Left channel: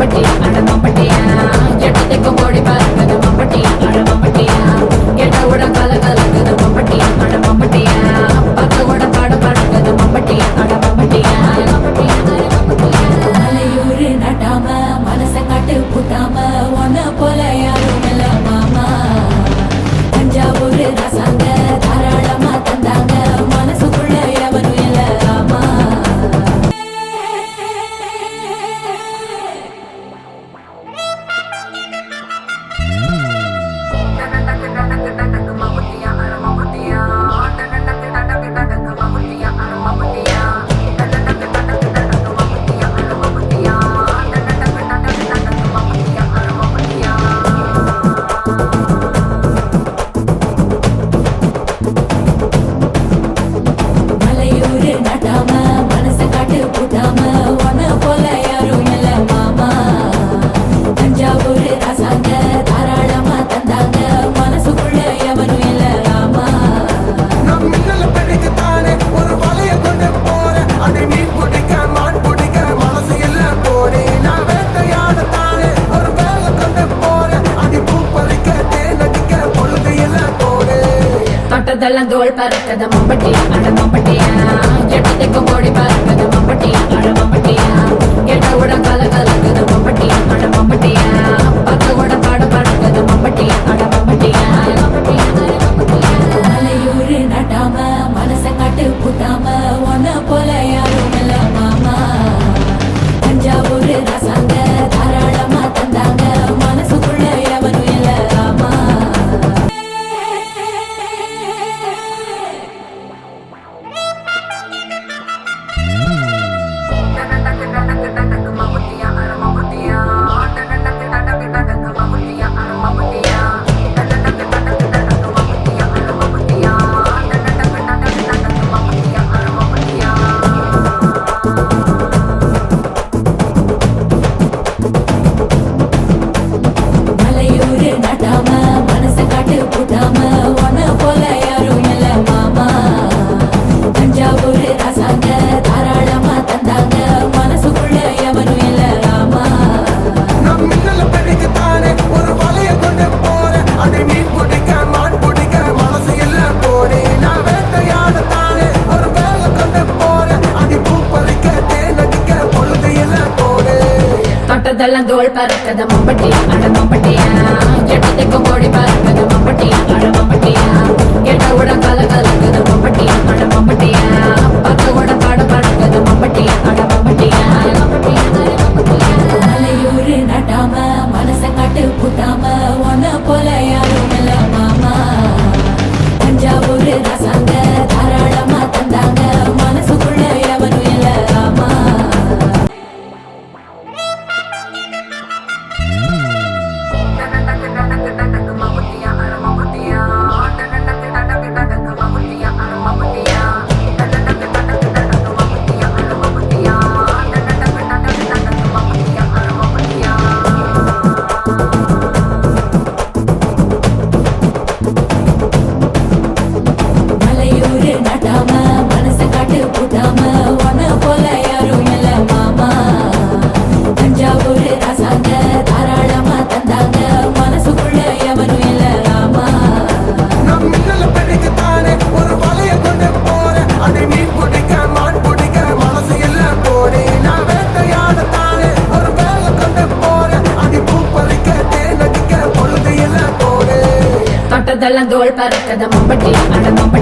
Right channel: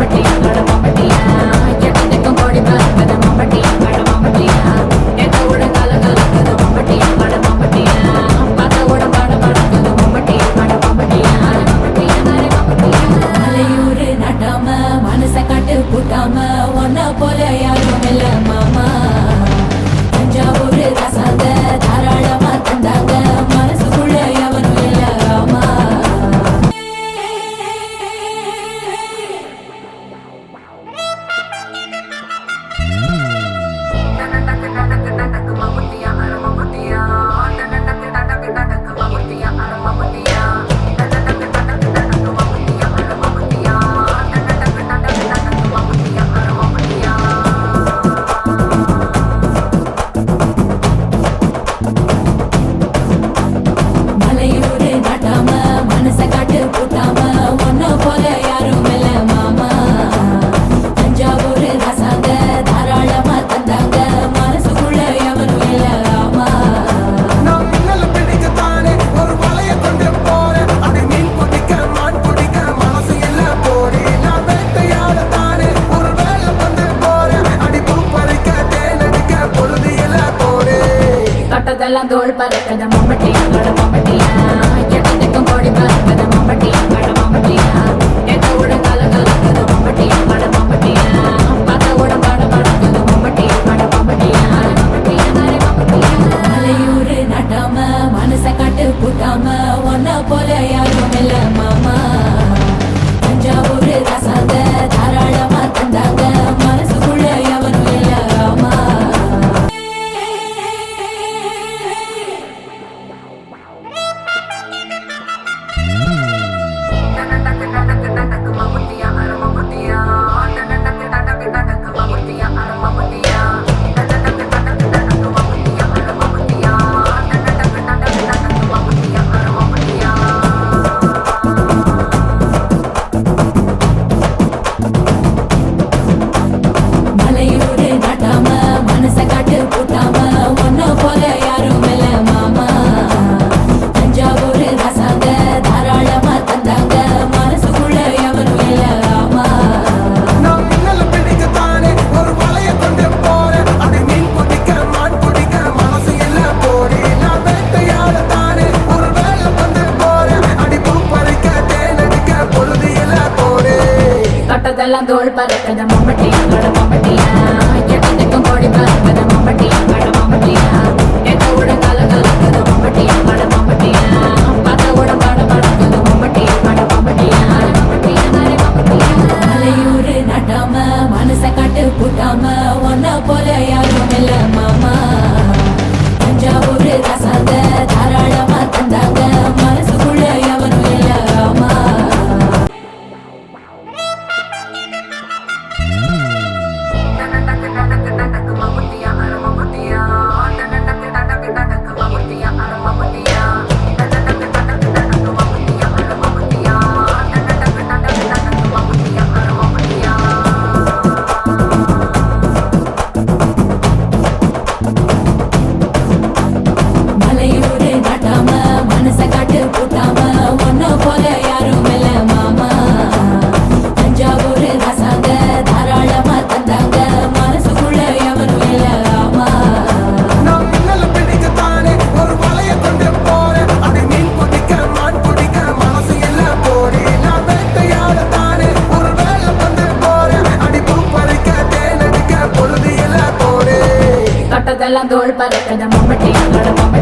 மம்பட்டி அட மம்பட்டியா ஜெட்டத்துக்கு ஓடி பறக்குது மம்பட்டி அட மம்பட்டியா எட்டோட கல கலக்குது மம்பட்டி அட மம்பட்டியா பத்தோட பாட பறக்குது மம்பட்டி அட மம்பட்டியா அட மம்பட்டியா அட மம்பட்டியா அலையூரு நட்டாம மனசை கட்டு கூட்டாம ஒன்ன போல யாரும் இல்ல மாமா தஞ்சாவூர் ரசாங்க தாராளமா தந்தாங்க மனசுக்குள்ள எவனும் இல்ல ராமா மலையூரு நட்டாம மனசை காட்டு கூட்டாம ஒன்ன போல யாரும் இல்ல மாமா தஞ்சாவூர் ரசாங்க தாராளமா தந்தாங்க மனசுக்குள்ள எவனும் இல்ல ராமா நம் மின்னல் பிடிக்கத்தானே ஒரு வலைய கொண்டு போறேன் அதை மீன் பிடிக்க மான் பிடிக்க மனசு இல்ல போடி நான் வேட்டையாடத்தானே ஒரு வேலை கொண்டு போறேன் அடி பூ பறிக்க தேன் அடிக்க பொழுது இல்ல போடு தொட்டதெல்லாம் தோல் பறக்குது மம்பட்டி அட மம்பட்டியா ஜெட்டத்துக்கு ஓடி பறக்குது மம்பட்டி அட மம்பட்டியா எட்டோட கல கலக்குது மம்பட்டி அட மம்பட்டியா பத்தோட பாட பறக்குது மம்பட்டி அட மம்பட்டியா அட மம்பட்டியா அட மம்பட்டியா அலையூரு நட்டாம மனசை காட்டு கூட்டாம ஒன்ன போல யாரும் இல்ல மாமா தஞ்சாவூர் ரசாங்க தாராளமா தந்தாங்க மனசுக்குள்ள எவனும் இல்ல ராமா மலையூரு நட்டாம மனசை காட்டு கூட்டாம ஒன்ன போல யாரும் இல்ல மாமா தஞ்சாவூர் ரசாங்க தாராளமா தந்தாங்க மனசுக்குள்ள எவனும் இல்ல ராமா நம் மின்னல் பிடிக்கத்தானே ஒரு வலைய கொண்டு போறேன் அதை மீன் பிடிக்க மான் பிடிக்க மனசு இல்ல போடி நான் வேட்டையாடத்தானே ஒரு வேலை கொண்டு போறேன் அடி பூ பறிக்க தேன் அடிக்க பொழுது இல்ல போடு தொட்டதெல்லாம் தோல் பறக்குது மம்பட்டி அட மம்பட்டியா ஜெட்டத்துக்கு ஓடி பறக்குது மம்பட்டி அட மம்பட்டியா எட்டோட கல கலக்குது மம்பட்டி அட மம்பட்டியா பத்தோட பாட பறக்குது மம்பட்டி அட மம்பட்டியா அட மம்பட்டியா அட மம்பட்டியா அலையூரு நட்டாம மனசை காட்டு கூட்டாம ஒன்ன போல யாரும் இல்ல மாமா தஞ்சாவூர் ரசாங்க தாராளமா தந்தாங்க மனசுக்குள்ள எவனும் இல்ல ராமா மலையூரு நட்டாம மனசை காட்டு கூட்டாம ஒன்ன போல யாரும் இல்ல மாமா தஞ்சாவூர் ரசாங்க தாராளமா தந்தாங்க மனசுக்குள்ள எவனும் இல்ல ராமா நம் மின்னல் பிடிக்கத்தானே ஒரு வலைய கொண்டு போறேன் அதை மீன் பிடிக்க மான் பிடிக்க மனசு இல்ல போடி நான் வேட்டையாடத்தானே ஒரு வேலை கொண்டு போறேன் அடி பூ பறிக்க தேன் அடிக்க பொழுது இல்ல போடு தொட்டதெல்லாம் தோல் பறக்குது மம்பட்டி அட மம்பட்டி